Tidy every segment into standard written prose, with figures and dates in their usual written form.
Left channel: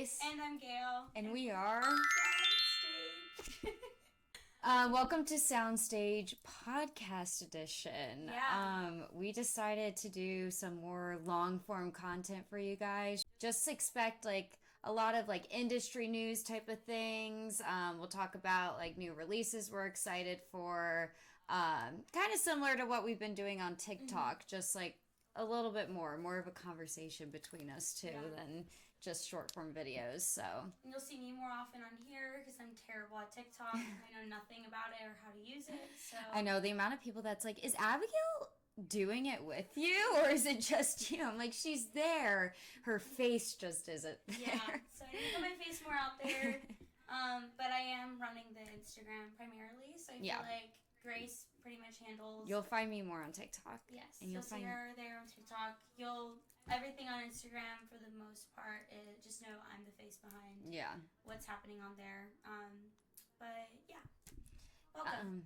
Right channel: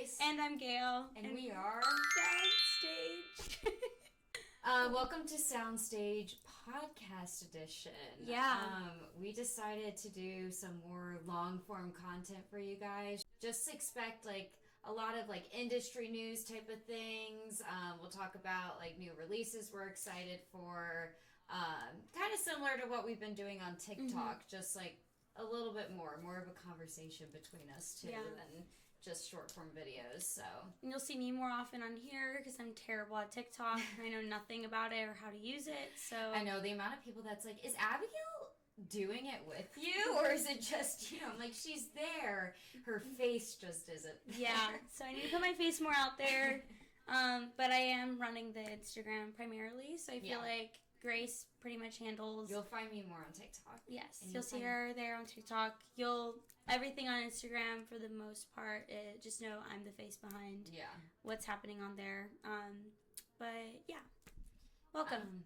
Grace. And I'm Gail. And we are Soundstage. Welcome to Soundstage Podcast Edition. Yeah. We decided to do some more long-form content for you guys. Just expect a lot of industry news type of things. We'll talk about new releases we're excited for. Kind of similar to what we've been doing on TikTok, just a little bit more of a conversation between us two than just short form videos. So and you'll see me more often on here because I'm terrible at TikTok. I know nothing about it or how to use it. So I know the amount of people that's is Abigail doing it with you, or is it just I'm like, she's there, her face just isn't there. Yeah, so I need to put my face more out there. But I am running the Instagram primarily, so I feel like Grace pretty much handles. You'll find me more on TikTok. Yes, you'll see her there on TikTok. Everything on Instagram for the most part. Just know I'm the face behind. What's happening on there. But yeah, welcome.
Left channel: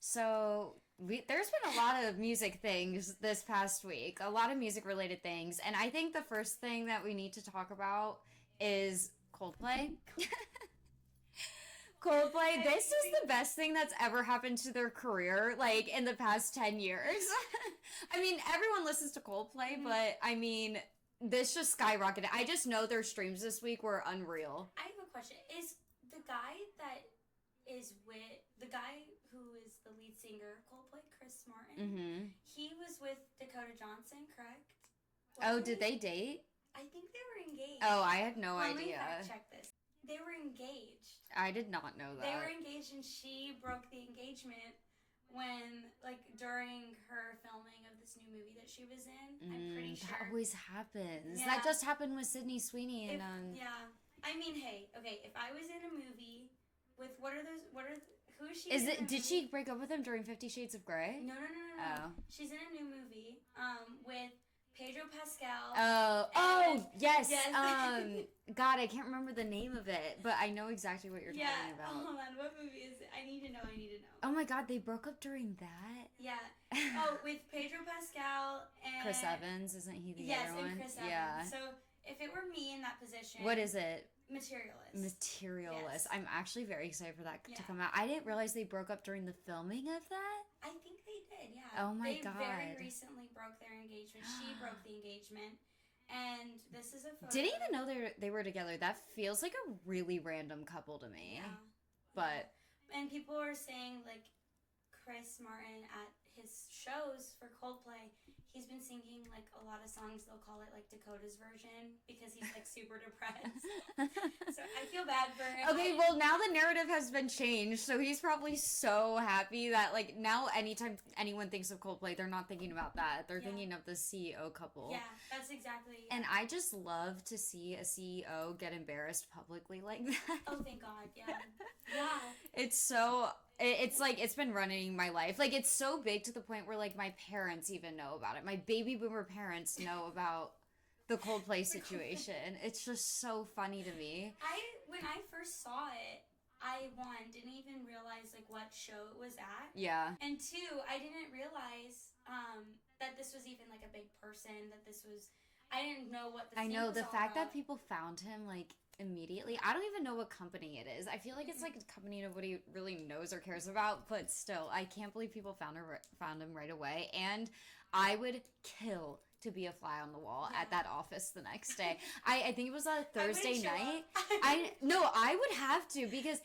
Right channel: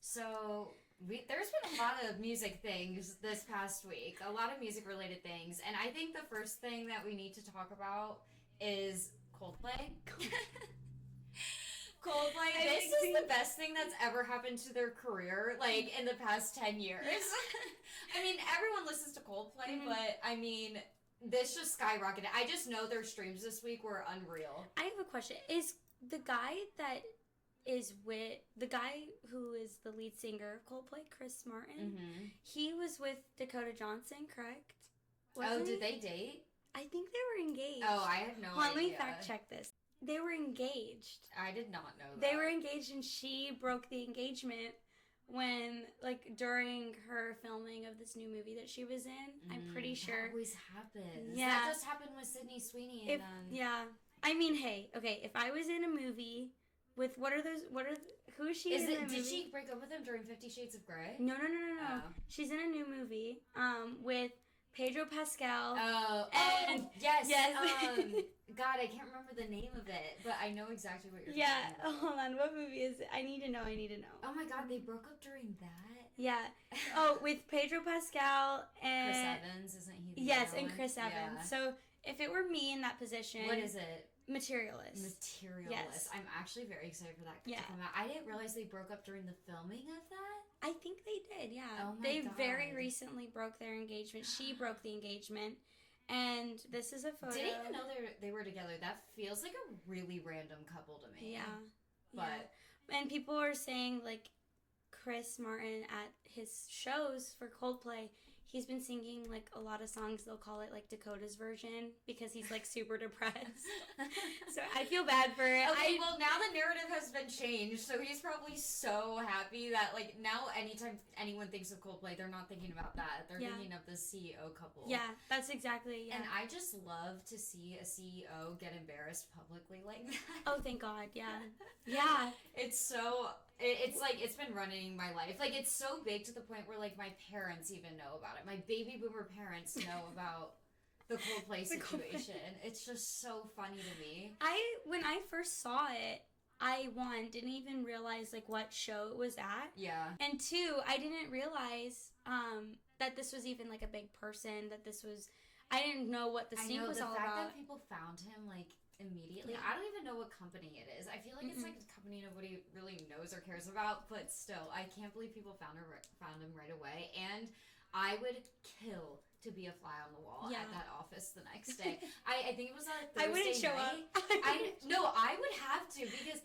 So there's been a lot of music things this past week. A lot of music related things, and I think the first thing that we need to talk about is Coldplay. Coldplay, this is the best thing that's ever happened to their career, in the past 10 years. I mean, everyone listens to Coldplay, but, I mean, this just skyrocketed. I just know their streams this week were unreal. I have a question. Is the guy who is the lead singer of Coldplay, Chris Martin, he was with Dakota Johnson, correct? Did they date? I think they were engaged. Oh, I had no idea. Let me fact check this. They were engaged. I did not know that. They were engaged, and she broke the engagement when, during her filming of this new movie that she was in. I'm pretty sure. That always happens. Yeah. That just happened with Sydney Sweeney. Yeah. I mean, hey, okay, if I was in a movie with, who is she in a movie? Did she break up with him during 50 Shades of Grey? No. Oh. She's in a new movie, with Pedro Pascal. Yes. God, I can't remember the name of it, but I know exactly what you're talking about. Yeah, hold on. What movie is it? I need to know. Oh my God, they broke up during that? Yeah. With Pedro Pascal and Chris Evans, isn't he the Yes, other and one? Chris Evans. Yeah. So if it were me in that position. What is it? Materialist. Yes. I'm actually very excited for that to come out. I didn't realize they broke up during the filming of that. I think they did, yeah. Oh my God. They very recently broke their engagement. She broke the engagement. And this is a photo. Didn't even know they were together. That feels like a really random couple to me. Yeah. But. Yeah. And people are saying, Chris Martin at his shows for Coldplay, he's been singing a lot of songs. They'll call it Dakota's version because he's super depressed. So I feel bad for it. Okay, well now the narrative has been changed, so he's probably so happy that now anytime anyone thinks of Coldplay, they're not thinking about that. They're thinking of the CEO couple. Yeah, that's exactly. Yeah. And I just love to see a CEO get embarrassed publicly like that. Oh, thank God! Yeah, yeah. It's so. It's been running my life. It's so big to the point where, my parents even know about it. My baby boomer parents know about the Coldplay situation. It's just so funny to me. When I first saw it, I, didn't even realize, what show it was at. Yeah. And two, I didn't realize that this was even, a big person, that this was... I didn't know what the scene was all about. I know, the fact that people found him, immediately. I don't even know what company it is. I feel like it's a company nobody really knows or cares about, but still, I can't believe people found him right away. And I would kill to be a fly on the wall at that office the next day. I think it was on a Thursday night. I would have to because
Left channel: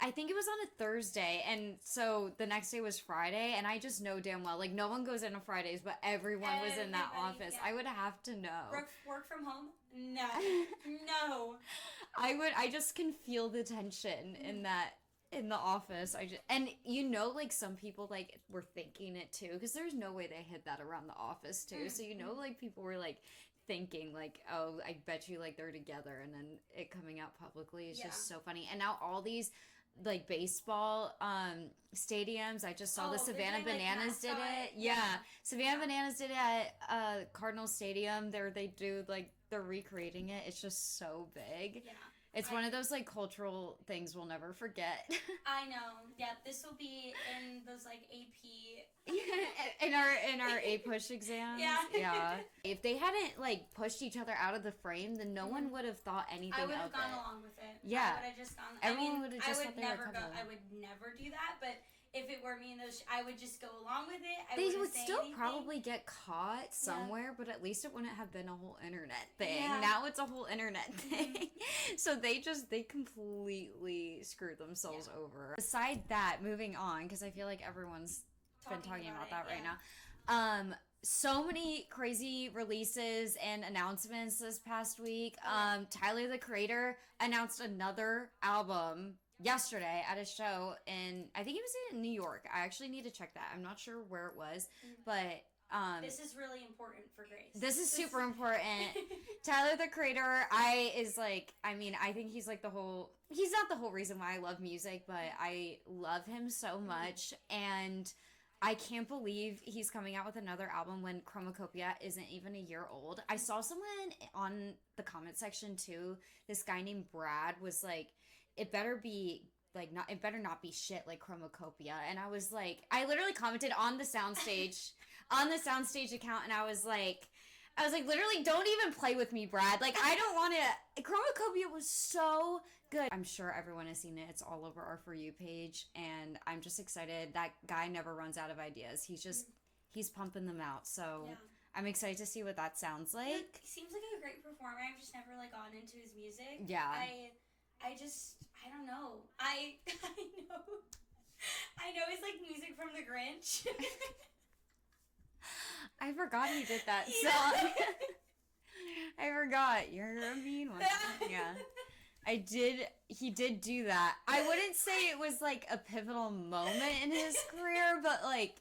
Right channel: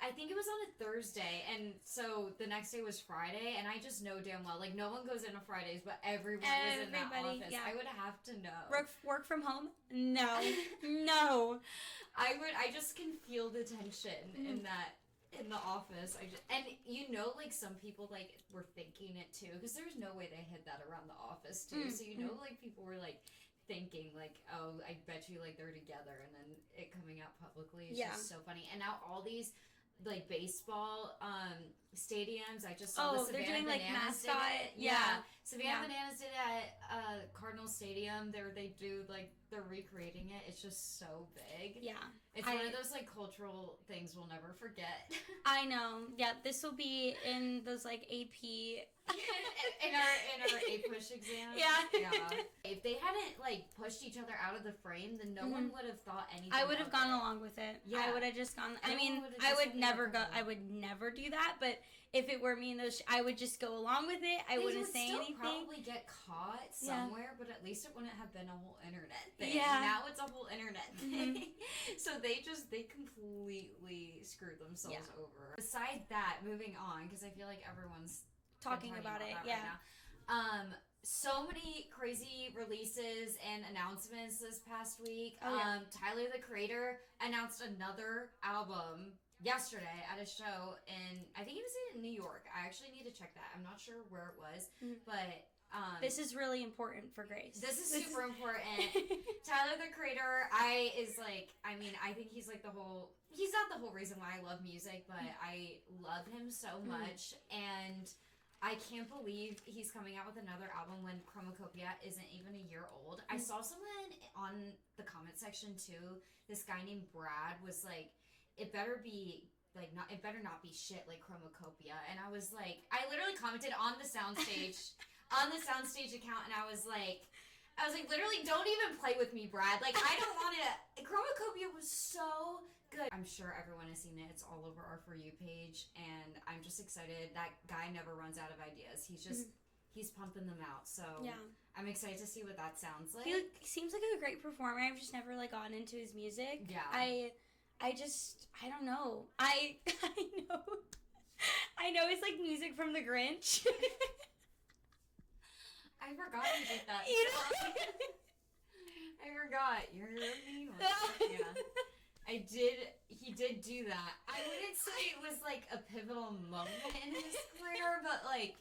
I think it was on a Thursday, and so the next day was Friday, and I just know damn well no one goes in on Fridays, but everyone was in that office. Yeah. I would have to know. Work from home? No. I just can feel the tension in the office. And some people were thinking it too, because there's no way they hid that around the office too. So people were thinking oh, I bet you they're together, and then it coming out publicly is just so funny. And now all these baseball stadiums, I just saw the Savannah Bananas did it. Yeah. Savannah Bananas did it at Cardinal Stadium. They do they're recreating it. It's just so big. Yeah. It's one of those cultural things we'll never forget. I know. Yeah, this will be in those AP in our A push exams. Yeah. If they hadn't like pushed each other out of the frame, then no one would have thought anything. I would have gone along with it. Yeah. I would have just gone. I would never go. I would never do that. But if it were me and those, I would just go along with it. I wouldn't say anything. They would still probably get caught somewhere, but at least it wouldn't have been a whole internet thing. Yeah. Now it's a whole internet thing. So they completely screwed themselves over. Besides that, moving on, because I feel like everyone's talking about that right now. So many crazy releases and announcements this past week. Tyler, the Creator, announced another album yesterday at a show in, I think it was in New York. I actually need to check that. I'm not sure where it was, but this is really important for Grace. This is super important. Tyler, the Creator, I think he's like he's not the whole reason why I love music, but I love him so much, and I can't believe he's coming out with another album when Chromacopia isn't even a year old. I saw someone on the comment section too, this guy named Brad was like, it better not be shit like Chromacopia. And I was like, I literally commented on the Soundstage account, and I was like, literally, don't even play with me, Brad. Like, I don't want to. Chromacopia was so good. I'm sure everyone has seen it. It's all over our For You page, and I'm just excited. That guy never runs out of ideas. He's pumping them out. So I'm excited to see what that sounds like. He seems like a great performer. I've just never like gotten into his music. Yeah. I don't know. I know it's like music from The Grinch. I forgot he did that song. I forgot. You're a mean one. Yeah. He did do that. I wouldn't say it was like a pivotal moment in his career, but like,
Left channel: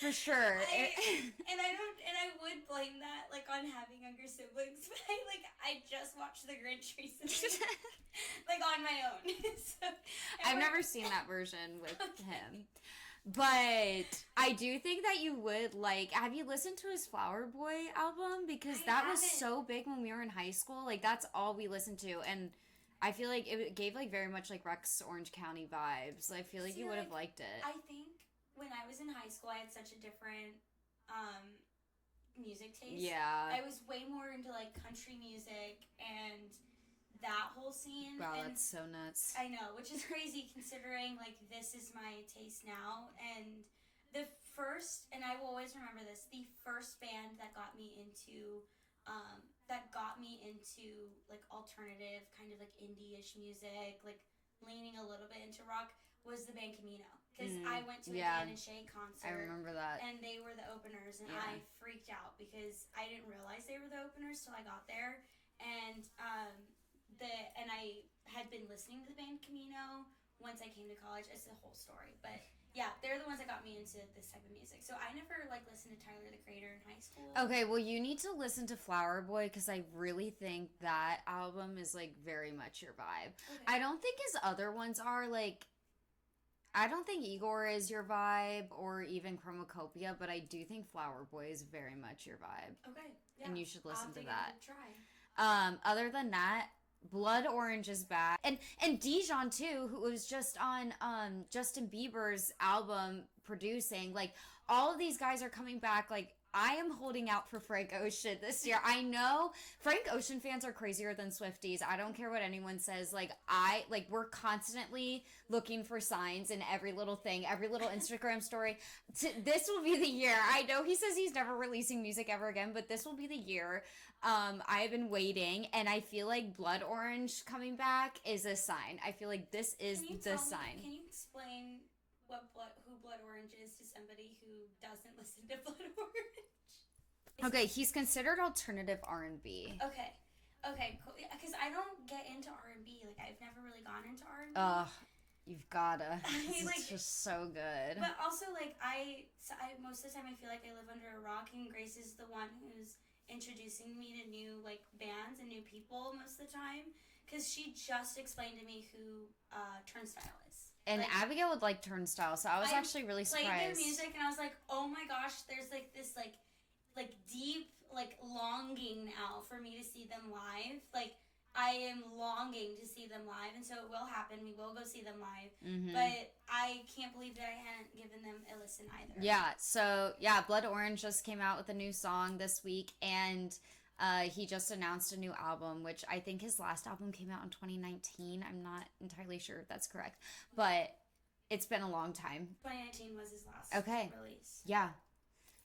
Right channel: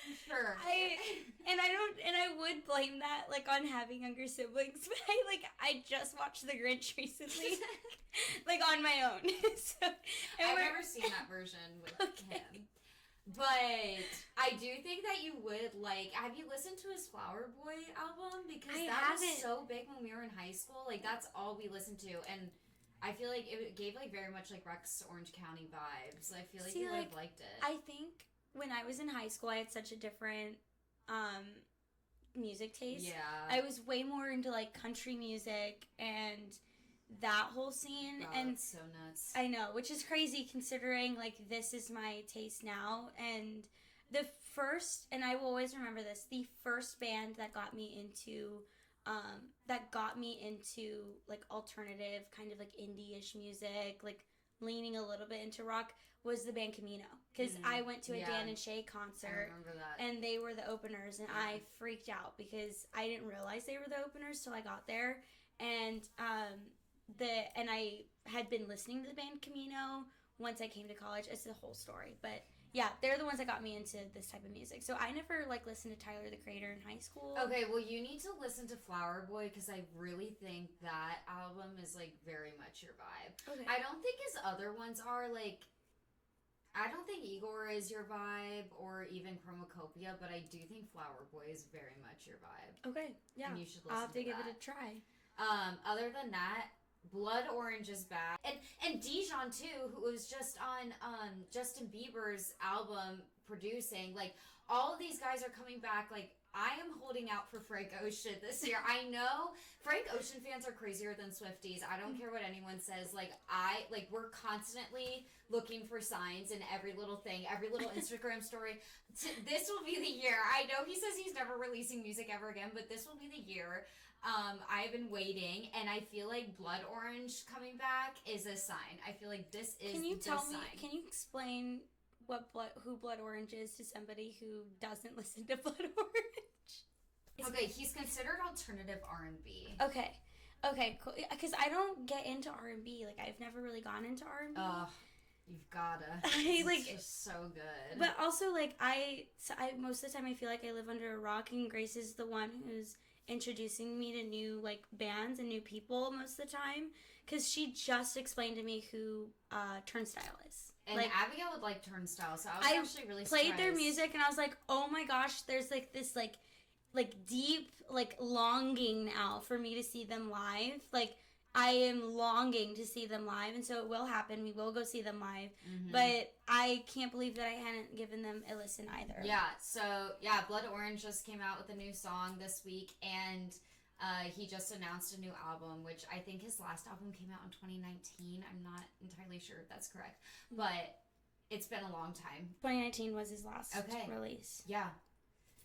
for sure. I would blame that like on having younger siblings, but I just watched The Grinch recently, like on my own. So I've never seen that version with him. But I do think that you would like. Have you listened to his Flower Boy album? Because that was so big when we were in high school. Like, that's all we listened to, and I feel like it gave like very much like Rex Orange County vibes. I feel like you would have liked it. I think when I was in high school, I had such a different music taste. Yeah, I was way more into like country music and that whole scene. Wow, and that's so nuts. I know, which is crazy considering like this is my taste now. And the first, and I will always remember this, the first band that got me into like alternative kind of like indie-ish music, like leaning a little bit into rock, was the band Camino. Because I went to a Dan and Shay concert. I remember that. And they were the openers, and I freaked out because I didn't realize they were the openers till I got there. And I had been listening to the band Camino once I came to college. It's the whole story, but yeah, they're the ones that got me into this type of music. So I never like listened to Tyler the Creator in high school. Okay, well you need to listen to Flower Boy because I really think that album is like very much your vibe. Okay. I don't think his other ones are like. I don't think Igor is your vibe or even Chromacopia, but I do think Flower Boy is very much your vibe. Okay, yeah, and you should listen I'll have to give it a try. Other than that, Blood Orange is back. And Dijon too, who was just on Justin Bieber's album producing. Like, all of these guys are coming back. Like, I am holding out for Frank Ocean this year. I know Frank Ocean fans are crazier than Swifties. I don't care what anyone says. We're constantly looking for signs in every little thing, every little Instagram story. This will be the year. I know he says he's never releasing music ever again, but this will be the year. I've been waiting, and I feel like Blood Orange coming back is a sign. I feel like this is the sign. Can you explain who Blood Orange is to somebody who doesn't listen to Blood Orange? Okay, he's considered alternative R&B. Okay, cool. Because I don't get into R&B. Like, I've never really gone into R&B. You've gotta. It's just so good. But also, like, I most of the time I feel like I live under a rock, and Grace is the one who's introducing me to new like bands and new people most of the time, because she just explained to me who Turnstile is. And like, Abigail would like Turnstile, so I was actually really surprised. I played their music and I was like, oh my gosh, there's like this like deep like longing now for me to see them live. Like, I am longing to see them live, and so it will happen. We will go see them live, Mm-hmm. but I can't believe that I hadn't given them a listen either. Yeah, so, Blood Orange just came out with a new song this week, and he just announced a new album, which I think his last album came out in 2019. I'm not entirely sure if that's correct, but it's been a long time. 2019 was his last release. Yeah.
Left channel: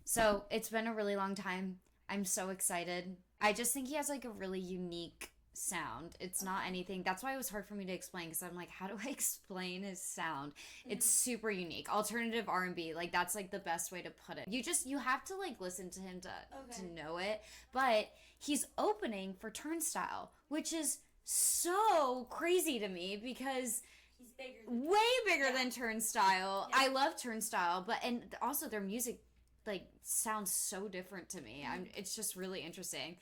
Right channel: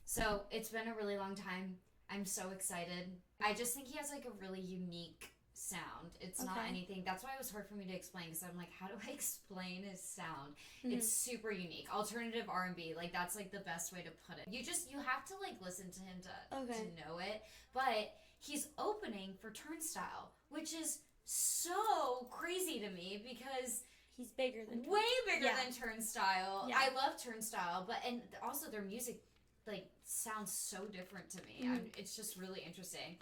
So, it's been a really long time. I'm so excited. I just think he has, like, a really unique sound. It's not anything. That's why it was hard for me to explain, because I'm like, how do I explain his sound? Mm-hmm. It's super unique. Alternative R&B, like, that's, like, the best way to put it. You have to, like, listen to him to know it. But he's opening for Turnstile, which is so crazy to me, because he's bigger than way bigger than Turnstile. Yeah. I love Turnstile, and also their music, like, sounds so different to me. Mm-hmm. It's just really interesting.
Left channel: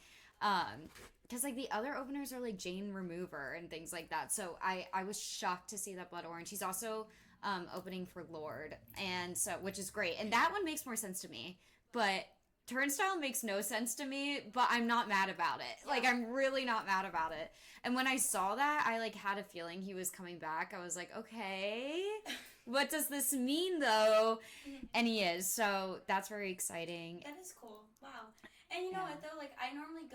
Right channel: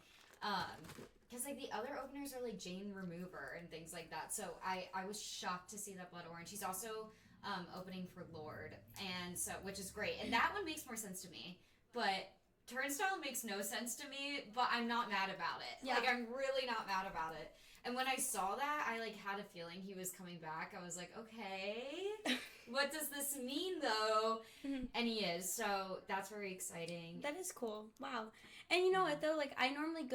Because, like, the other openers are, like, Jane Remover and things like that. So I was shocked to see that Blood Orange. He's also opening for Lorde, and so, which is great. And that one makes more sense to me. But Turnstile makes no sense to me, but I'm not mad about it. Yeah. Like, I'm really not mad about it. And when I saw that, I, like, had a feeling he was coming back. I was like, okay, what does this mean, though? And he is, so that's very exciting. That is cool. Wow. And you know what, though? Like, I normally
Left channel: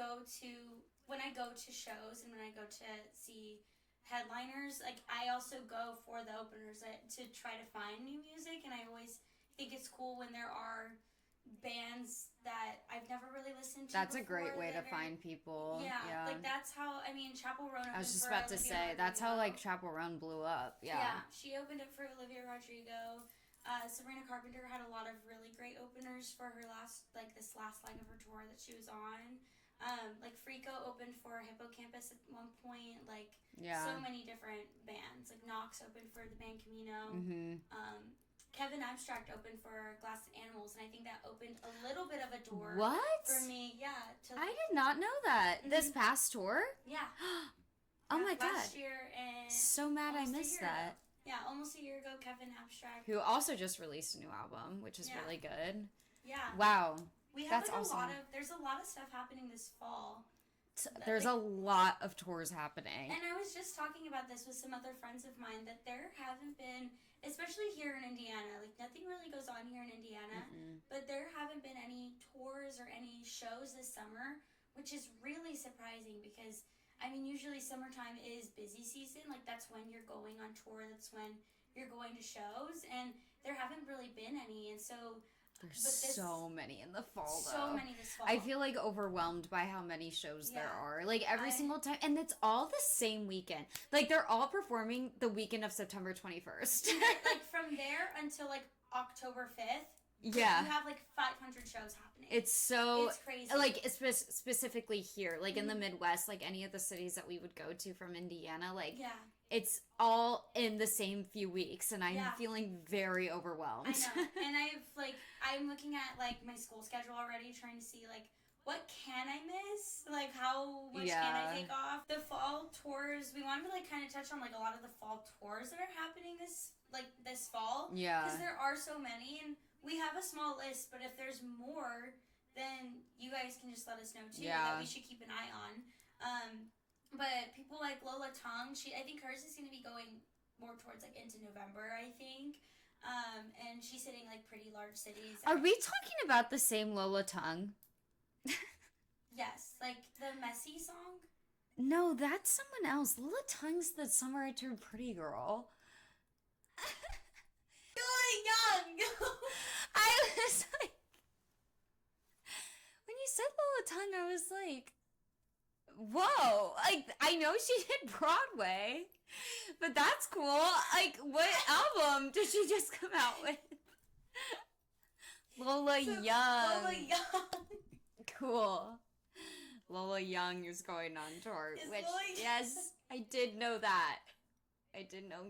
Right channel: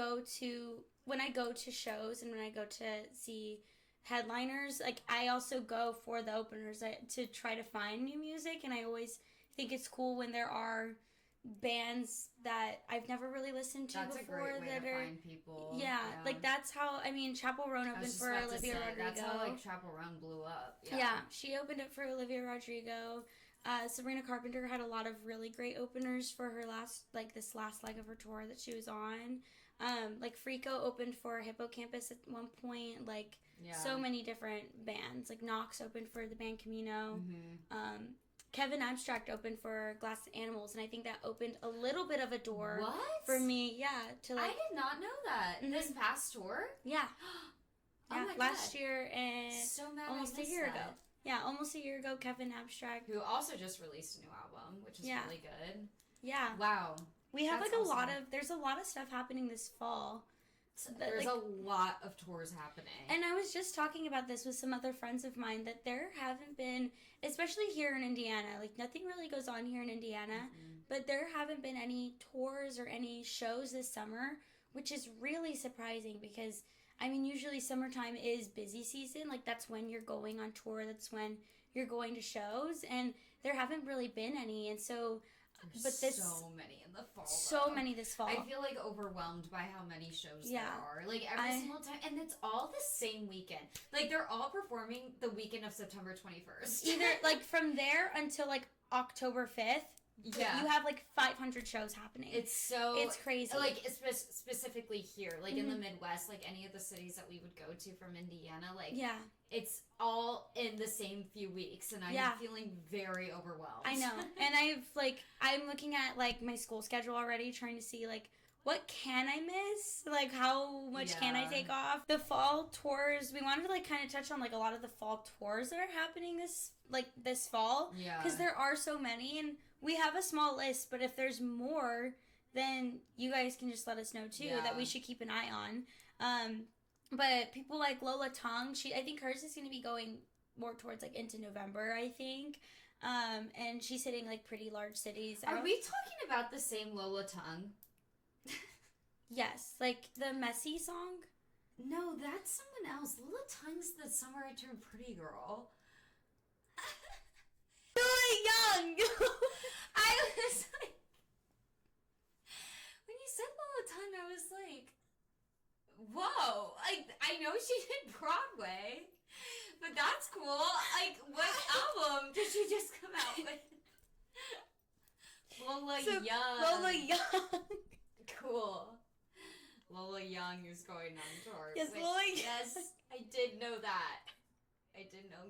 when I go to shows and when I go to see headliners, like, I also go for the openers to try to find new music, and I always think it's cool when there are bands that I've never really listened to That's before. That's a great way to find people. Yeah, like, that's how, I mean, Chappell Roan opened for Olivia Rodrigo. That's how, like, Chappell Roan blew up. Yeah, she opened it for Olivia Rodrigo. Sabrina Carpenter had a lot of really great openers for her this last leg of her tour that she was on. Like, Frico opened for Hippocampus at one point. Like, so many different bands. Like, Nox opened for the band Camino. Mm-hmm. Kevin Abstract opened for Glass Animals, and I think that opened a little bit of a door for me. Yeah, I did not know that. Mm-hmm. This past tour? Yeah. Oh my god. Last year, and so mad I missed that. Yeah, almost a year ago, Kevin Abstract, who also just released a new album, which is really good. Yeah. Wow. We have there's a lot of stuff happening this fall. There's a lot of tours happening. And I was just talking about this with some other friends of mine, that there haven't been, especially here in Indiana, like, nothing really goes on here in Indiana, but there haven't been any tours or any shows this summer, which is really surprising because, I mean, usually summertime is busy season. Like, that's when you're going on tour. That's when you're going to shows. And there haven't really been any. And so... There's so many in the fall, So many this fall. I feel, like, overwhelmed by how many shows there are. Like, every single time. And it's all the same weekend. Like, they're all performing the weekend of September 21st. Like, from there until, like, October 5th. Yeah. You have, like, 500 shows happening. It's crazy. Like, specifically here. Like, in the Midwest, like, any of the cities that we would go to from Indiana, like... Yeah. It's all in the same few weeks, and I'm feeling very overwhelmed. I know. And I'm looking at, like, my school schedule already, trying to see, like, what can I miss? Like, how much can I take off? The fall tours, we wanted to, like, kind of touch on, like, a lot of the fall tours that are happening this fall. Yeah. Because there are so many, and we have a small list, but if there's more, then you guys can just let us know, too, that we should keep an eye on. But people like Lola Tongue, I think hers is going to be going more towards, like, into November, I think. And she's hitting, like, pretty large cities. Are we talking about the same Lola Tongue? Yes. Like, the Messy song? No, that's someone else. Lola Tongue's the Summer I Turned Pretty girl. Really young! I was like... When you said Lola Tongue, I was like... Whoa, like, I know she did Broadway, but that's cool. Like, what album did she just come out with? Lola Young. Cool. Lola Young is going on tour. Yes, yes, I did know that. I did know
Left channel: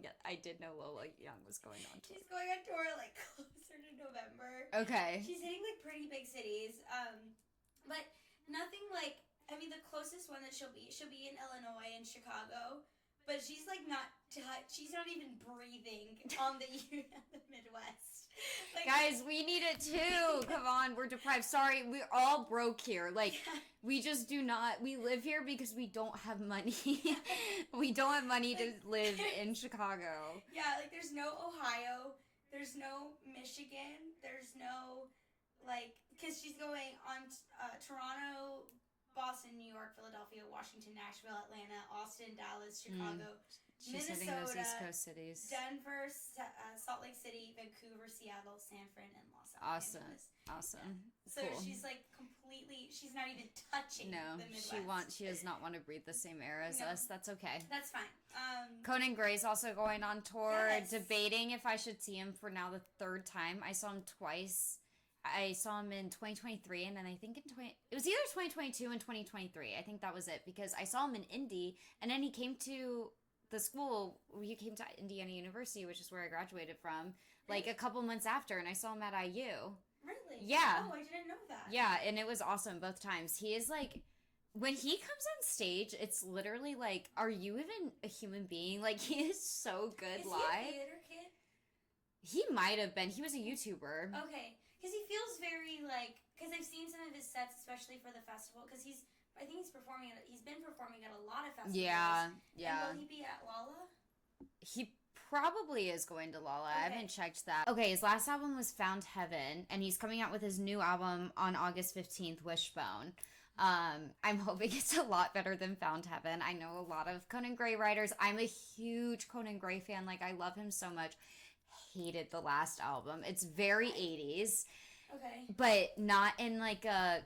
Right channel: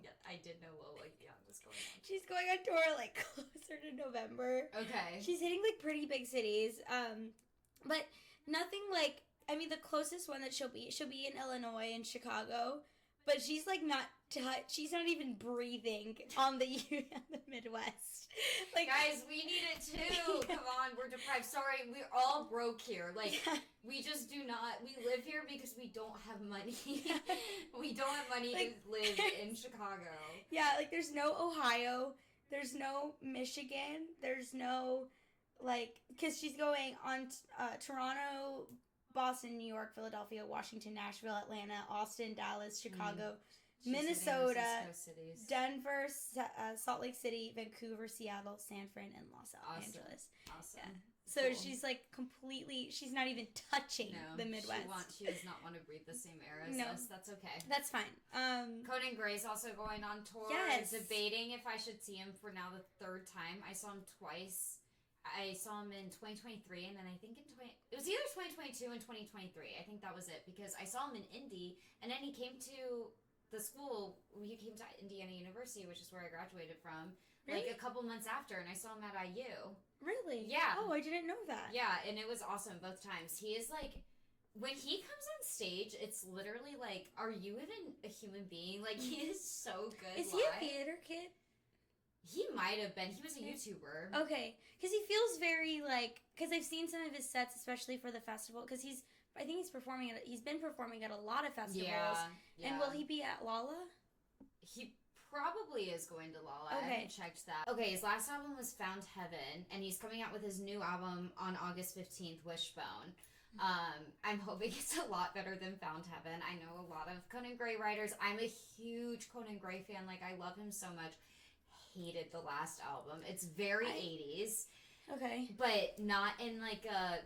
Lola Young was going on tour. She's going on tour, like, closer to November. Okay. She's hitting, like, pretty big cities. But nothing, like... I mean, the closest one that she'll be in Illinois and Chicago, but she's, like, she's not even breathing on the Midwest. Like, guys, we need it too. Come on everyone. We're deprived. Sorry, we're all broke here. Like, we just do not. We live here because we don't have money. We don't have money to live in Chicago. Yeah, like, there's no Ohio. There's no Michigan. There's no, like, because she's going on Toronto, Boston, New York, Philadelphia, Washington, Nashville, Atlanta, Austin, Dallas, Chicago, Minnesota, Denver, Salt Lake City, Vancouver, Seattle, San Fran, and Los Angeles. Awesome. Yeah. So cool. She's like completely, she's not even touching the Midwest. She does not want to breathe the same air as us. That's okay. That's fine. Conan Gray's also going on tour. Yes. Debating if I should see him for now the third time. I saw him twice. I saw him in 2023, and then I think it was either 2022 and 2023. I think that was it, because I saw him in Indy, and then he came to the school. He came to Indiana University, which is where I graduated from, like a couple months after, and I saw him at IU. Really? Yeah. Oh, I didn't know that. Yeah, and it was awesome both times. He is like, when he comes on stage, it's literally like, are you even a human being? Like, he is so good live. Is he a theater kid? He might have been. He was a YouTuber. Okay. Because he feels very, like, because I've seen some of his sets, especially for the festival, because he's been performing at a lot of festivals. Yeah. And will he be at Lolla? He probably is going to Lolla. Okay. I haven't checked that. Okay, his last album was Found Heaven, and he's coming out with his new album on August 15th, Wishbone. I'm hoping it's a lot better than Found Heaven. I know a lot of Conan Gray writers. I'm a huge Conan Gray fan. Like, I love him so much. Hated the last album. It's very 80s. Okay. But not in like a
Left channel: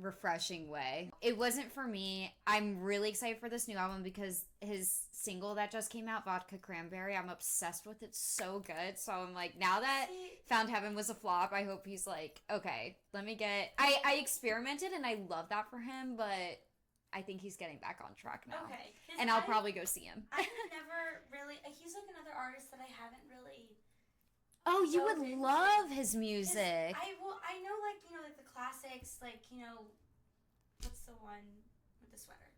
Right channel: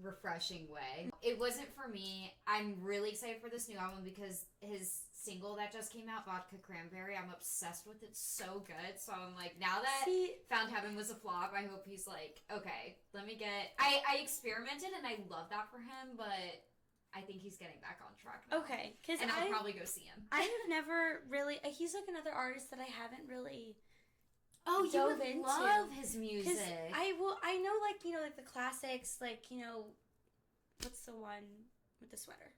refreshing way. It wasn't for me. I'm really excited for this new album because his single that just came out, Vodka Cranberry, I'm obsessed with it. So good. So I'm like, now that Found Heaven was a flop, I hope he's like, okay, let me get... I experimented and I love that for him, but I think he's getting back on track now. Okay. And I'll probably go see him. I've never really... He's like another artist that I haven't really... Oh, you would love his music. I know, like, you know, like the classics, like, you know, what's the one with the sweater?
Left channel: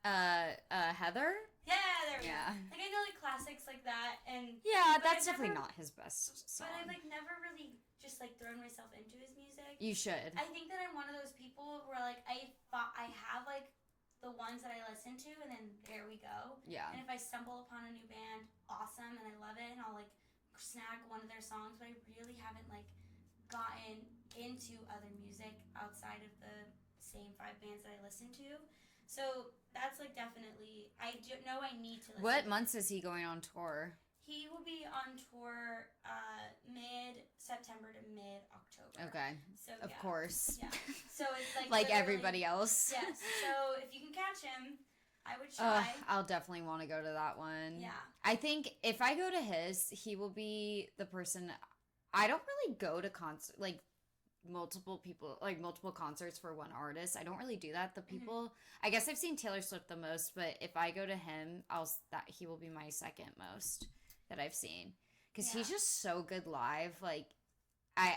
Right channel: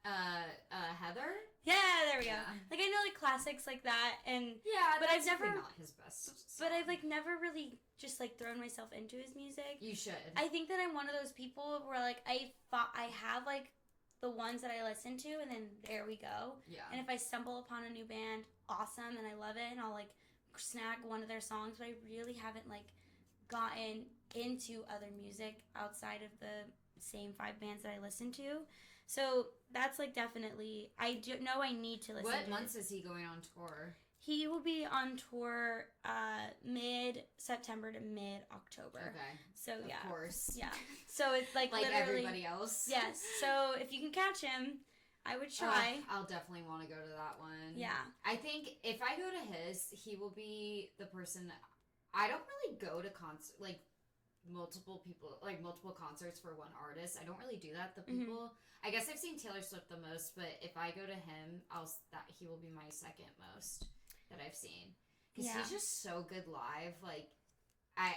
Heather? Yeah, there we go. Like, I know, like, classics like that, and... Yeah, that's definitely not his best song. But I've, like, never really just, like, thrown myself into his music. You should. I think that I'm one of those people where, like, I have, like, the ones that I listen to, and then there we go. Yeah. And if I stumble upon a new band, awesome, and I love it, and I'll, like, snag one of their songs, but I really haven't, like, gotten into other music outside of the same 5 bands that I listen to. So that's, like, definitely, I do know I need to listen to What months is he going on tour? He will be on tour mid-September to mid-October. Okay. So, yeah. Of course. Yeah. So it's, like, like everybody else. Yes. So if you can catch him, I would try. I'll definitely want to go to that one. Yeah. I think if I go to his, he will be the person... I don't really go to multiple concerts for one artist. I don't really do that. The people... I guess I've seen Taylor Swift the most, but if I go to him, he will be my second most that I've seen. Because he's just so good live. Like, I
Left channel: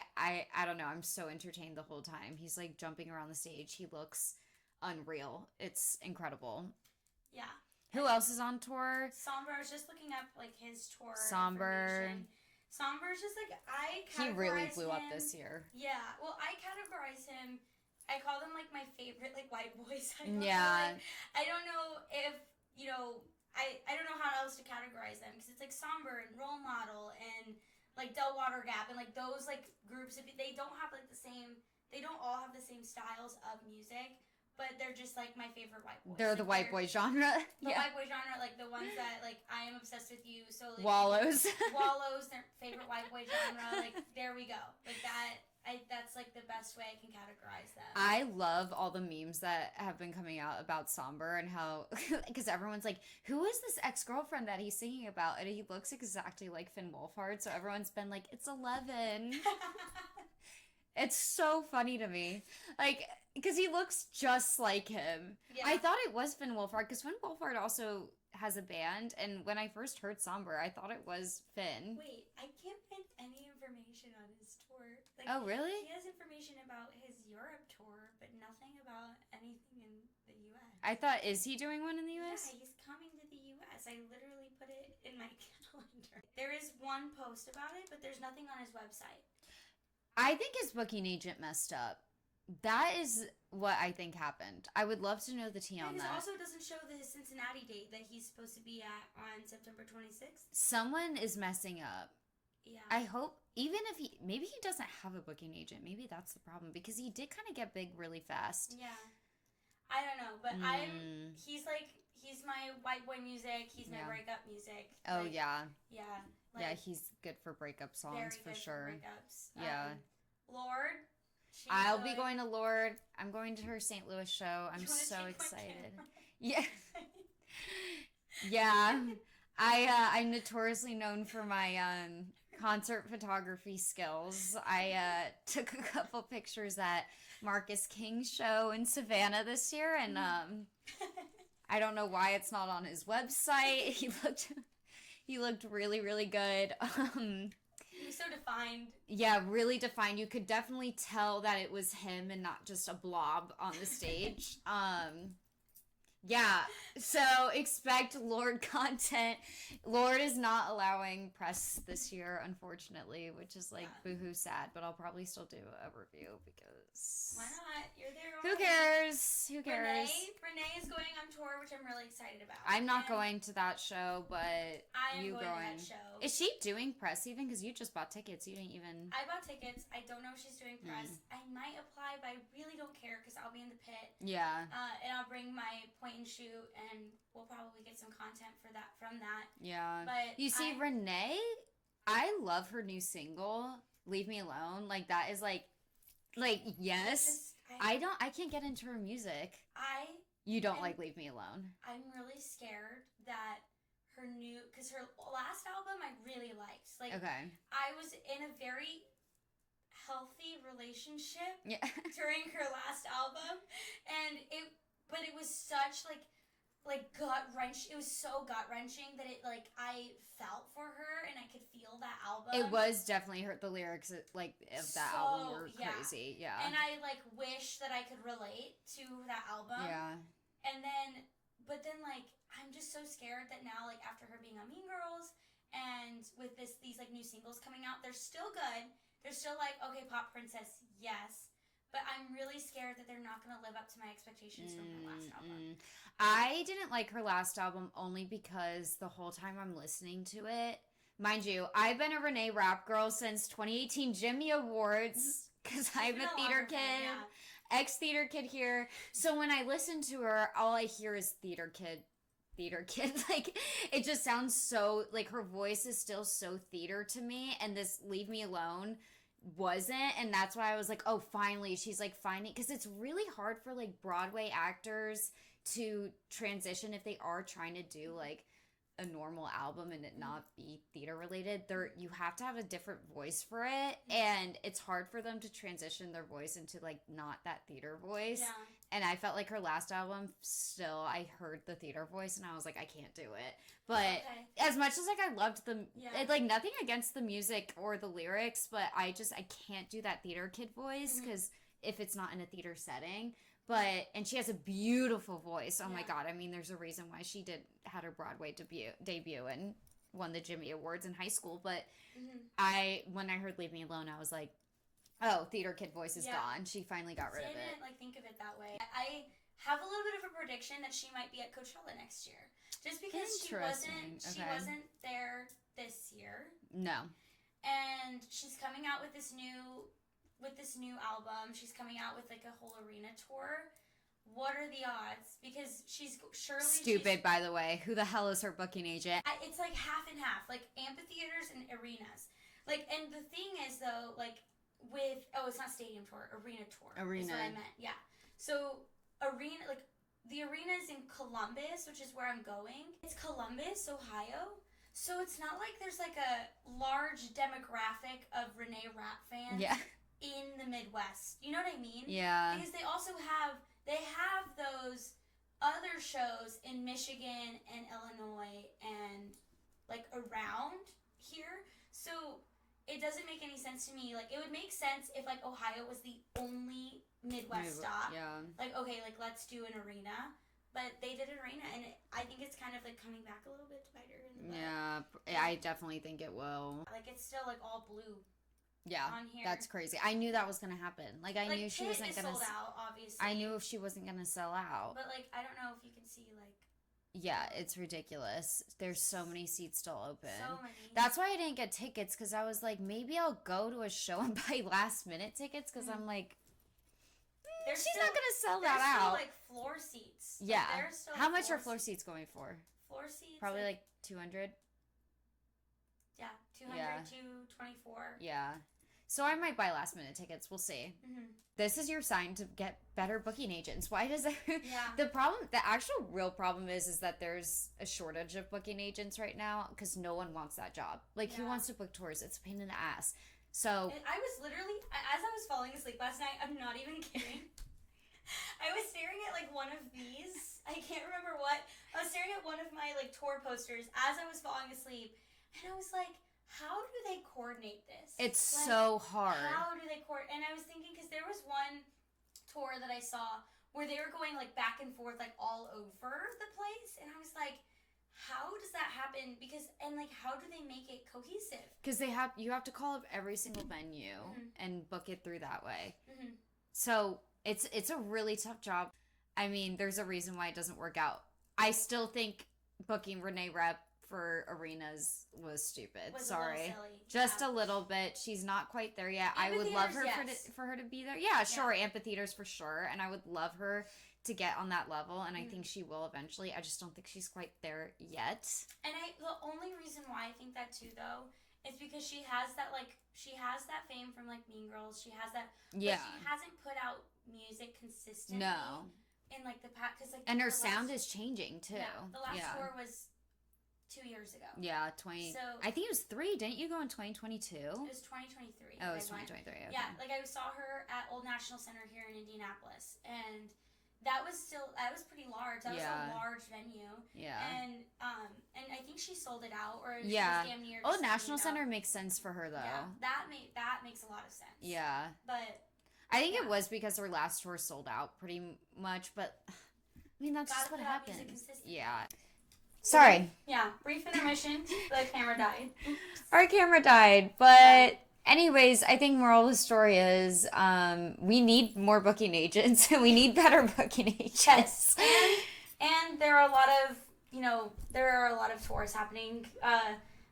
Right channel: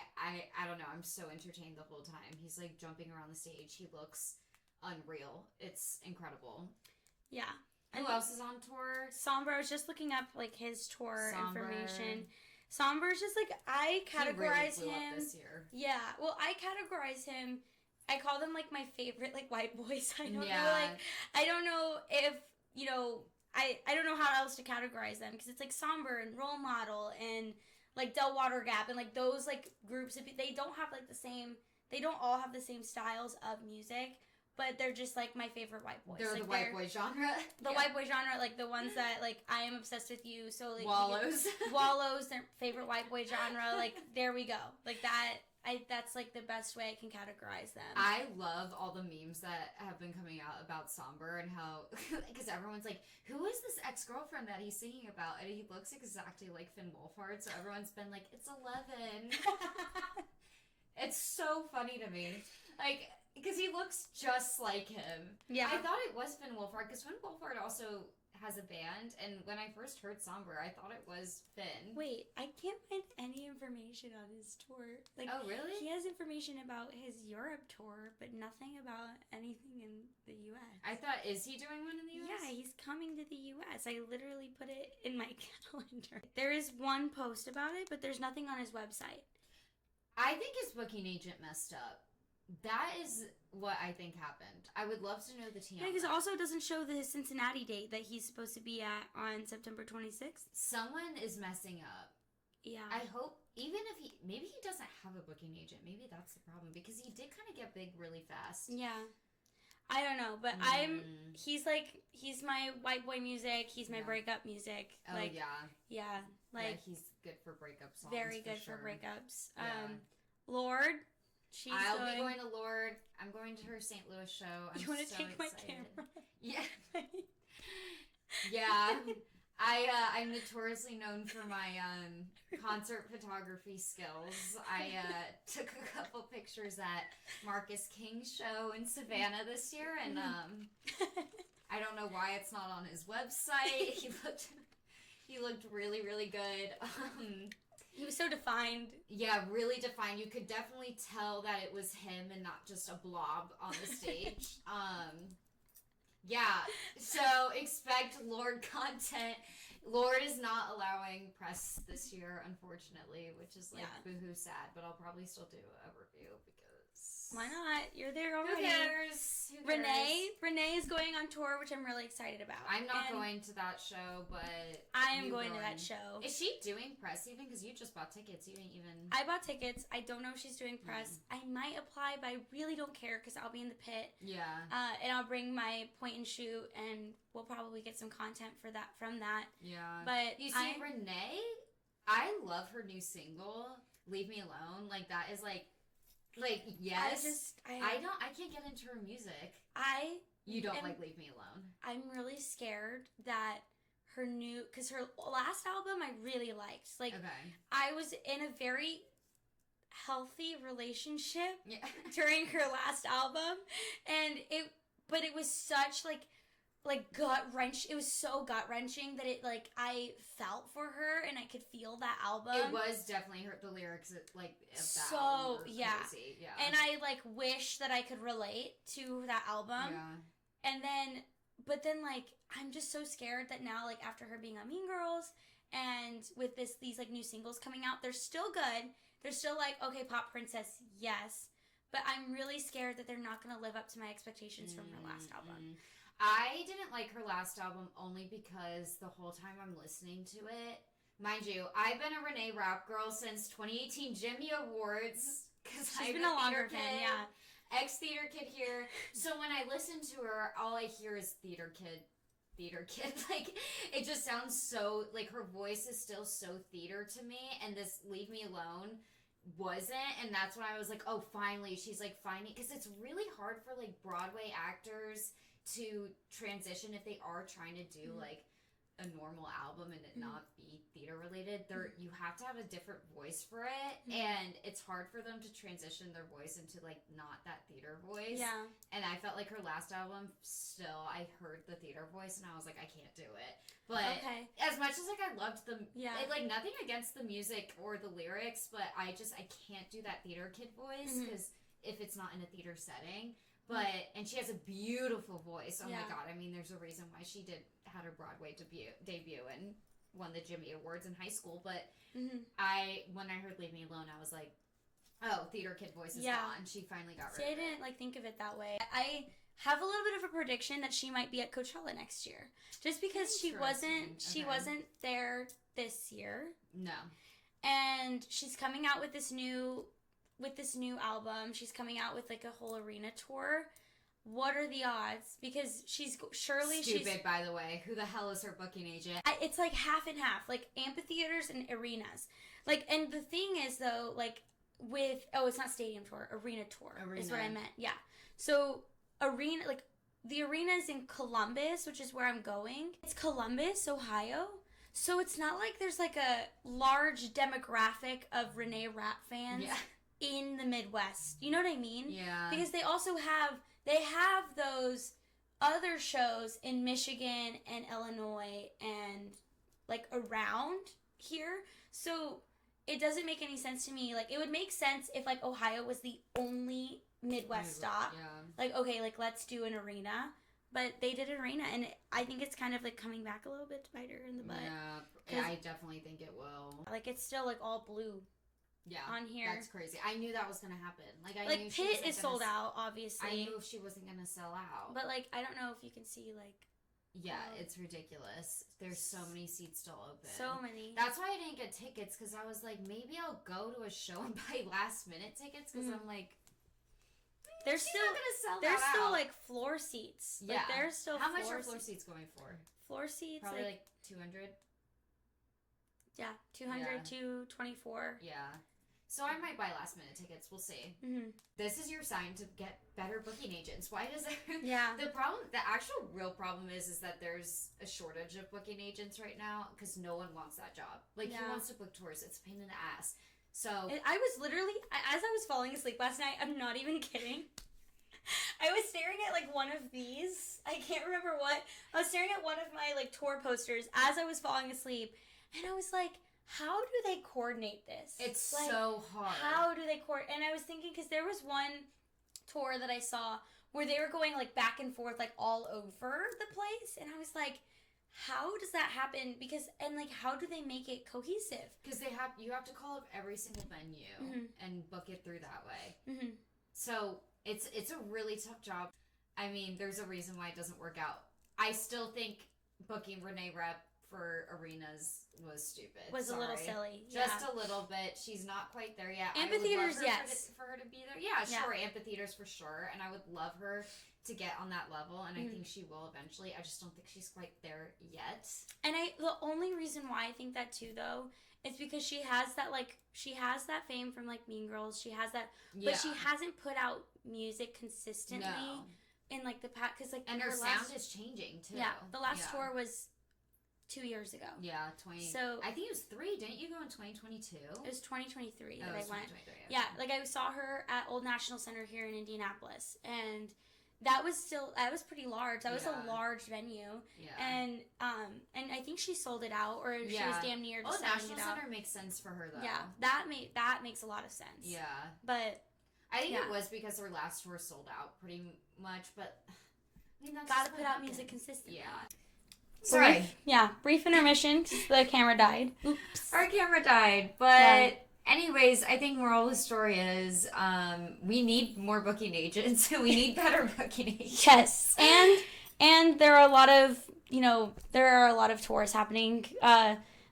don't know. I'm so entertained the whole time. He's, like, jumping around the stage. He looks unreal. It's incredible. Yeah. Who else is on tour? Somber. I was just looking up, like, his tour information. Somber's just, like, I categorize him... He really blew up this year. Yeah. Well, I categorize him... I call them, like, my favorite, like, white boys. I don't know, like... I don't know if, you know... I don't know how else to categorize them. Because it's, like, Somber and Role Model and, like, Del Water Gap. And, like, those, like, groups... They don't have, like, the same... They don't all have the same styles of music. But they're just, like, my favorite white boys. They're, like, the white boy genre. The white boy genre, like, the ones that, like, I am obsessed with you. So, like... Wallows. Wallows, their favorite white boy genre. Like, there we go. Like, that's, like, the best way I can categorize them. I love all the memes that have been coming out about Somber and how... Because everyone's like, who is this ex-girlfriend that he's singing about? And he looks exactly like Finn Wolfhard. So everyone's been like, it's 11. It's so funny to me. Like... Because he looks just like him. Yeah. I thought it was Finn Wolfhard, because Finn Wolfhard also has a band, and when I first heard Somber, I thought it was Finn. Wait, I can't find any information on his tour. Like, oh, really? He has information about his Europe tour, but nothing about anything in the U.S. I thought, is he doing one in the U.S.? Yeah, he's coming to the U.S. I literally put it in my calendar. There is one post about it, but there's nothing on his website. I think his booking agent messed up. That is what I think happened. I would love to know the tea on that. Because it also doesn't show the Cincinnati date that he's supposed to be at on September 26th. Someone is messing up. Yeah. I hope, even if maybe he doesn't have a booking agent. Maybe that's the problem. Because he did kind of get big really fast. Yeah. I don't know, but he's my white boy music. He's my breakup music. Oh, yeah. Yeah. He's good for breakup songs. Very good for breakups. Yeah. Lord. I'll be going to Lord. I'm going to her St. Louis show. I'm so excited. Yeah. Yeah. I'm notoriously known for my concert photography skills. I took a couple pictures at Marcus King's show in Savannah this year, and I don't know why it's not on his website. He looked really, really good. He was so defined. Yeah, really defined. You could definitely tell that it was him and not just a blob on the stage. Yeah, so expect Lord content. Lord is not allowing press this year, unfortunately, which is boohoo sad, but I'll probably still do a review because... Why not? You're there already. Who cares? Renee is going on tour, which I'm really excited about. I'm not going to that show, but I am going to that show. Is she doing press even? Because you just bought tickets. You didn't even... I bought tickets. I don't know if she's doing press. I might apply, but I really don't care because I'll be in the pit. Yeah. And I'll bring my point and shoot, and we'll probably get some content from that. Yeah. But you see, Renee, I love her new single, Leave Me Alone. That is yes. I can't get into her music. You don't Leave Me Alone. I'm really scared that because her last album I really liked. Okay. I was in a very healthy relationship during her last album, and it was such gut wrench. It was so gut wrenching that I felt for her and I could feel that album. It was definitely the lyrics of that album were crazy. Yeah. And I wish that I could relate to that album. Yeah. And then, but then I'm just so scared that now after her being on Mean Girls and with these new singles coming out, they're still good. They're still okay, pop princess, yes. But I'm really scared that they're not going to live up to my expectations from her last album. I didn't like her last album only because the whole time I'm listening to it, mind you, I've been a Renee rap girl since 2018 Jimmy Awards because I'm a theater kid, ex-theater kid here. So when I listen to her, all I hear is theater kid. It just sounds so, her voice is still so theater to me, and this Leave Me Alone wasn't, and that's why I was oh, finally, she's finding, because it's really hard for Broadway actors to transition if they are trying to do a normal album and it not be theater related. You have to have a different voice for it, and it's hard for them to transition their voice into not that theater voice. Yeah. And I felt her last album, still I heard the theater voice and I was I can't do it. But as much as I loved the nothing against the music or the lyrics, but I can't do that theater kid voice because if it's not in a theater setting. But, and she has a beautiful voice. Oh my God. I mean, there's a reason why she had her Broadway debut and won the Jimmy Awards in high school. But when I heard Leave Me Alone, I was oh, theater kid voice is gone. She finally got rid of it. I didn't think of it that way. I have a little bit of a prediction that she might be at Coachella next year. Just because she wasn't there this year. No. And she's coming out with this new album. She's coming out with a whole arena tour. What are the odds? Because she's stupid, by the way. Who the hell is her booking agent? It's half and half, amphitheaters and arenas. And the thing is though, it's not stadium tour, arena tour. Arena is what I meant. Yeah. So arena, the arena is in Columbus, which is where I'm going. It's Columbus, Ohio. So it's not there's a large demographic of Renee rap fans. Yeah. In the Midwest. You know what I mean? Yeah. Because they also have those other shows in Michigan and Illinois and around here. So it doesn't make any sense to me. It would make sense if Ohio was the only Midwest stop. Yeah. Okay, let's do an arena. But they did an arena, and I think it's kind of coming back a little bit to bite her in the butt. Yeah, I definitely think it will. It's still all blue. on here. That's crazy. I knew that was gonna happen. Like, I knew she wasn't Tit is sold out, obviously. I knew she wasn't gonna sell out. But, like, I don't know if you can see, like... Yeah, it's ridiculous. There's so many seats still open. So many. That's why I didn't get tickets, because I was like, maybe I'll go to a show and buy last-minute tickets, because I'm like... She's not gonna sell that out. There's still, like, floor seats. Yeah. Like, there's still How much are floor seats going for? Floor seats? Probably, like 200? Yeah, 200 to 24. Yeah. So I might buy last-minute tickets. We'll see. Mm-hmm. This is your sign to get better booking agents. Why does that... Yeah. The actual real problem is that there's a shortage of booking agents right now, because no one wants that job. Like, who wants to book tours? It's a pain in the ass. So I was literally, as I was falling asleep last night, I'm not even kidding, I was staring at, like, one of these, I can't remember what, I was staring at one of my, like, tour posters as I was falling asleep, and I was like, how do they coordinate this? It's like, so hard. How do they and I was thinking, because there was one tour that I saw where they were going, like, back and forth, like, all over the place, and I was like, how does that happen? Because, and, like, how do they make it cohesive? Because you have to call up every single venue and book it through that way. Mm-hmm. So it's a really tough job. I mean, there's a reason why it doesn't work out. I still think booking Renee Rep for arenas was stupid. A little silly. Just a little bit. She's not quite there yet. I would love her for her to be there. Yeah, sure. Amphitheaters for sure. And I would love her to get on that level, and I think she will eventually. I just don't think she's quite there yet. And the only reason why I think that too, though, is because she has that fame from, like, Mean Girls. She has that, but she hasn't put out music consistently in, like, the past, because, like, and her sound is changing too. Yeah, the last tour was 2 years ago. Yeah, So I think it was 3. Didn't you go in 2022? It was 2023. Oh, it was 2023. Okay. Yeah, like, I saw her at Old National Center here in Indianapolis, and that was pretty large. That was a large venue. Yeah. And I think she sold it out, or she was damn near. Old National Center makes sense for her, though. Yeah, that makes a lot of sense. Yeah. But I think it was because her last tour sold out pretty much, but I mean, that's gotta put out music consistently. Yeah. Sorry. Brief intermission. The camera died. Oops. Our camera died, but anyways, I think moral of the story is we need more booking agents. We need better booking agents. Yes, and there are a lot of tours happening.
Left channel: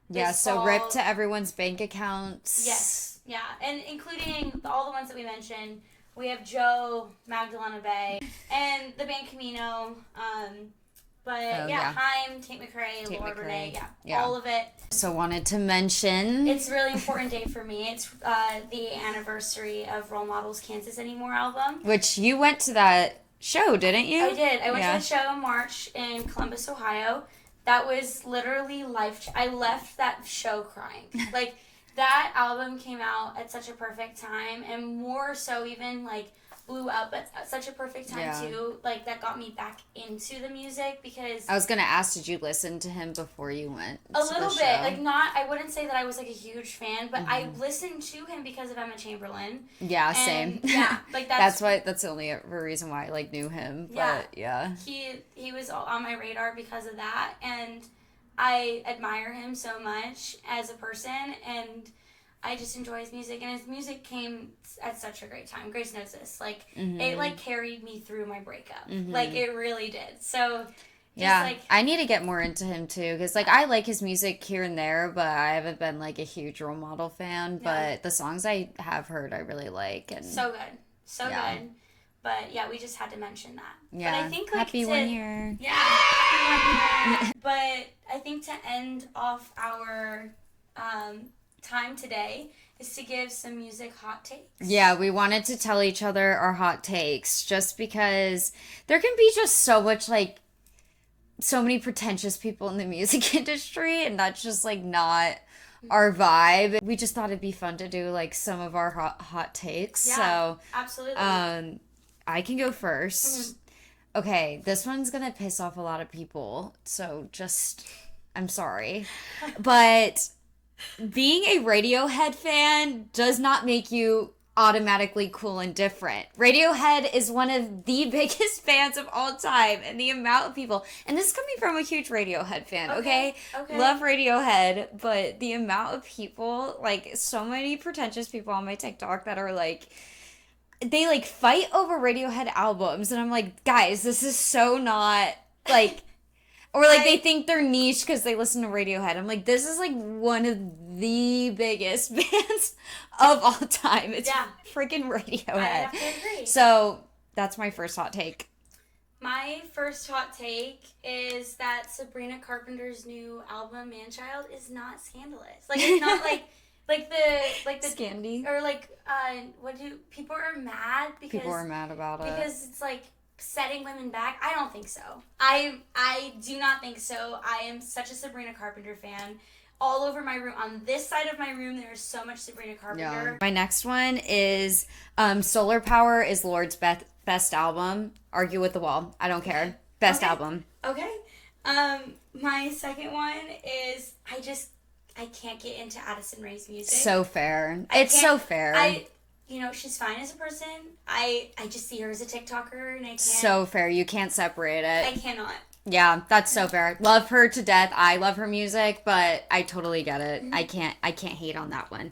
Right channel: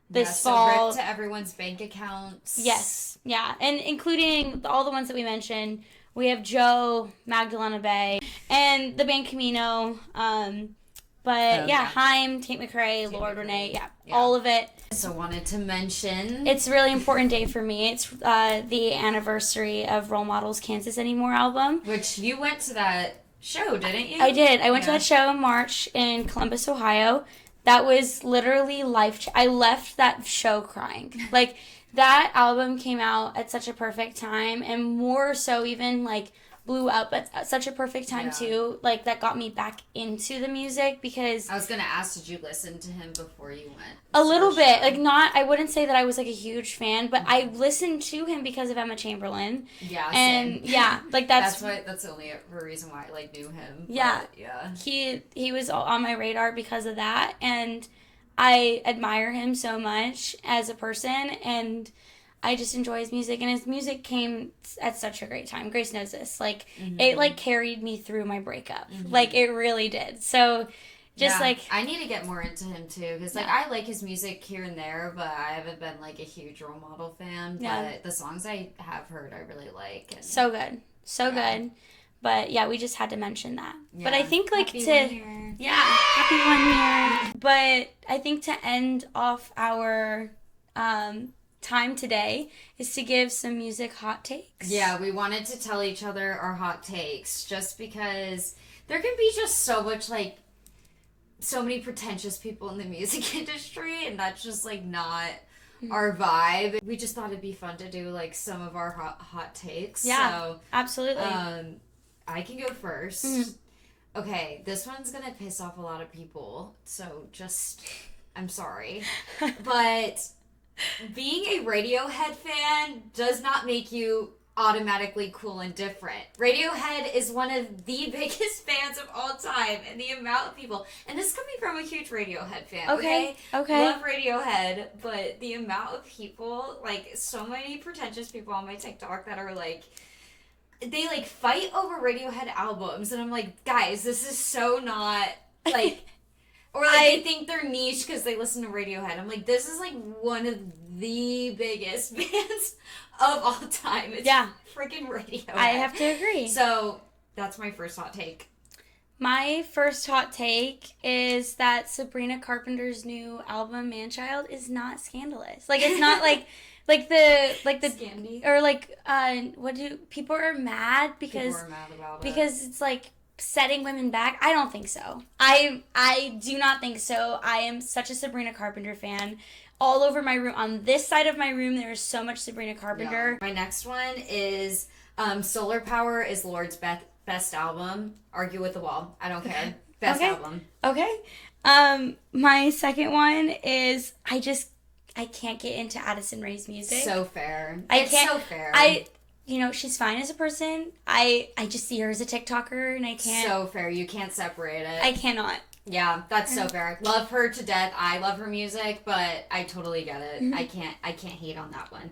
This fall. Rip to everyone's bank accounts. Yes, yeah, and including all the ones that we mentioned. We have Joe, Magdalena Bay, and the band Camino. Haim, Tate McRae, Lord Renee, all of it. So wanted to mention. It's a really important day for me. It's the anniversary of Role Models Can't Exist Anymore album. Which you went to that show, didn't you? I did. I went to that show in March in Columbus, Ohio. That was literally I left that show crying. Like, that album came out at such a perfect time, and more so even, like, blew up at such a perfect time too. Like, that got me back into the music, because I was gonna ask, did you listen to him before you went? A little bit, like, not. I wouldn't say that I was, like, a huge fan, but I listened to him because of Emma Chamberlain. Yeah, same. Yeah, like, that's the only reason why I, like, knew him. Yeah, but, yeah. He was on my radar because of that, and I admire him so much as a person, and I just enjoy his music, and his music came at such a great time. Grace knows this. Like, it, like, carried me through my breakup. Like, it really did. So, like... I need to get more into him, too, because, like, I like his music here and there, but I haven't been, like, a huge Role Model fan. Yeah. But the songs I have heard, I really like. And so good. So good. But, yeah, we just had to mention that. Yeah. But I think, like, happy 1 year. Yeah, happy 1 year. But I think to end off our... time today is to give some music hot takes. Yeah, we wanted to tell each other our hot takes, just because there can be just so much, like, so many pretentious people in the music industry, and that's just, like, not our vibe. We just thought it'd be fun to do, like, some of our hot takes. Yeah, so absolutely. I can go first. Okay, this one's gonna piss off a lot of people, so I'm sorry. But being a Radiohead fan does not make you automatically cool and different. Radiohead is one of the biggest fans of all time, and the amount of people, and this is coming from a huge Radiohead fan, okay? Love Radiohead, but the amount of people, like, so many pretentious people on my TikTok that are like, they like fight over Radiohead albums, and I'm like, guys, this is so not like, or like they think they're niche because they listen to Radiohead. I'm like, this is like one of the biggest bands of all time. It's freaking Radiohead. I have to agree. So that's my first hot take. My first hot take is that Sabrina Carpenter's new album Man-Child is not scandalous. Like, it's not like the Scandy, or like what do people are mad because people are mad about it because it's like setting women back. I don't think so. I do not think so. I am such a Sabrina Carpenter fan. All over my room, on this side of my room, there is so much Sabrina Carpenter. Yeah. My next one is Solar Power is Lord's best album. Argue with the wall. I don't care. Best album. Okay. My second one is I can't get into Addison Rae's music. So fair. It's so fair. She's fine as a person. I just see her as a TikToker, and I can't. So fair. You can't separate it. I cannot. Yeah, that's so fair. Love her to death. I love her music, but I totally get it. Mm-hmm. I can't hate on that one.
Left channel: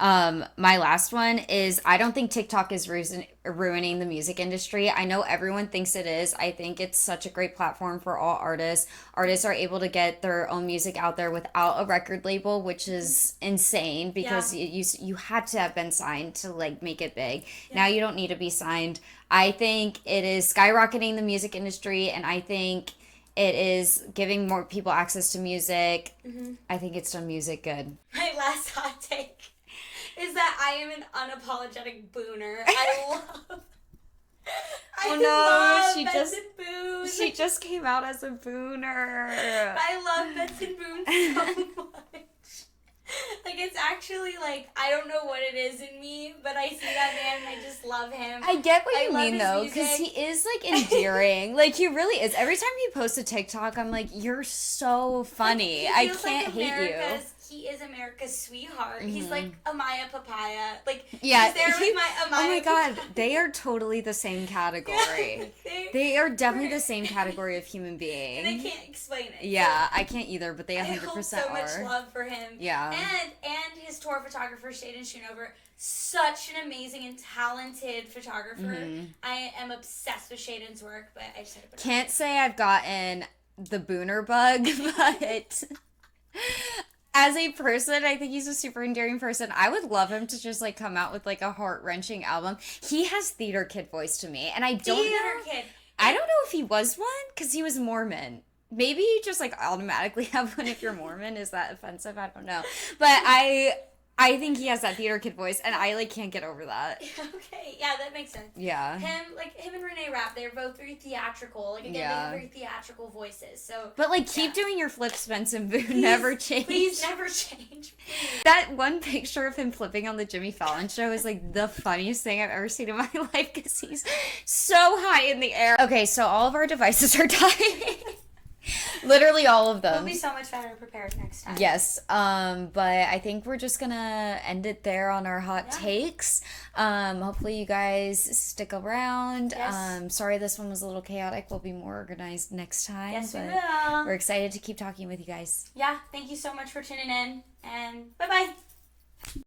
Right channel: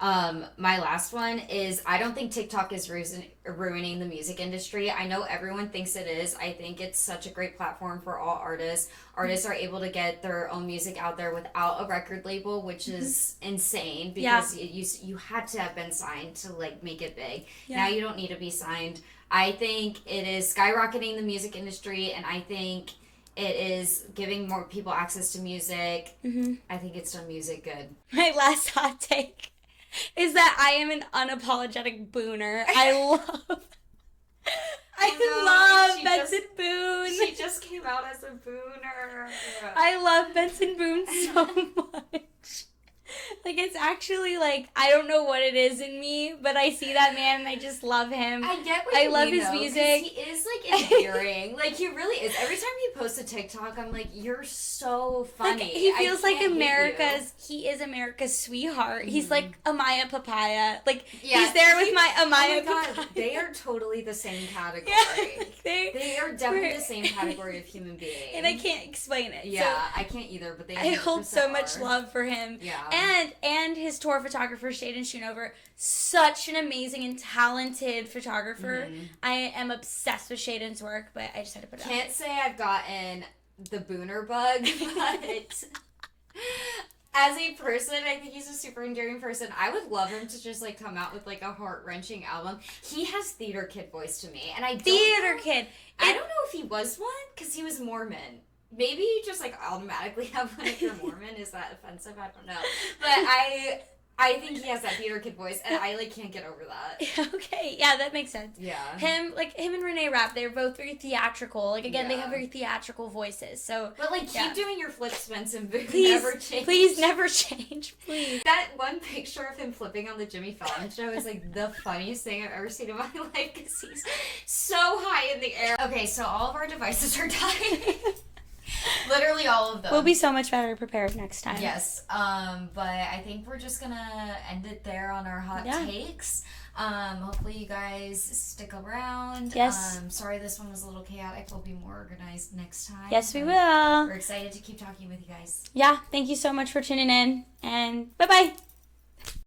My last one is I don't think TikTok is ruining the music industry. I know everyone thinks it is. I think it's such a great platform for all artists. Artists are able to get their own music out there without a record label, which is insane because you had to have been signed to like make it big. Yeah. Now you don't need to be signed. I think it is skyrocketing the music industry, and I think it is giving more people access to music. Mm-hmm. I think it's done music good. My last hot take is that I am an unapologetic booner. I love Benson Boone. She just came out as a booner. I love Benson Boone so much. Like, it's actually, like, I don't know what it is in me, but I see that man and I just love him. I get what you mean, though, music. because he is, like, endearing. Like, he really is. Every time he posts a TikTok, I'm like, you're so funny. Like, he feels like he is America's sweetheart. Mm-hmm. He's like Amaya Papaya. Like, he's there with my Amaya Papaya. Oh my god, they are totally the same category. They are definitely the same category of human being. And I can't explain it. Yeah, so I can't either, but they 100% I hold so much love for him. Yeah. And his tour photographer, Shaden Schoonover, such an amazing and talented photographer. Mm-hmm. I am obsessed with Shaden's work, but I just had to put it Can't say I've gotten the booner bug, but as a person, I think he's a super endearing person. I would love him to just, like, come out with, like, a heart-wrenching album. He has theater kid voice to me, and I don't I don't know if he was one, because he was Mormon. Maybe you just, like, automatically have one if you're Mormon. Is that offensive? I don't know. But I think he has that theater kid voice, and I, like, can't get over that. Okay, yeah, that makes sense. Yeah. Him and Renee Rapp, they're both very theatrical. Like, again, they have very theatrical voices, so... But, like, keep doing your flips, Benson Boone. Never change. Please never change, please. That one picture of him flipping on the Jimmy Fallon show is, like, the funniest thing I've ever seen in my life, because he's so high in the air. Okay, so all of our devices are dying. Literally all of them. We'll be so much better prepared next time. Yes. But I think we're just gonna end it there on our hot takes. Hopefully you guys stick around. Yes. Sorry this one was a little chaotic. We'll be more organized next time. Yes, we will. We're excited to keep talking with you guys. Yeah. Thank you so much for tuning in, and bye-bye.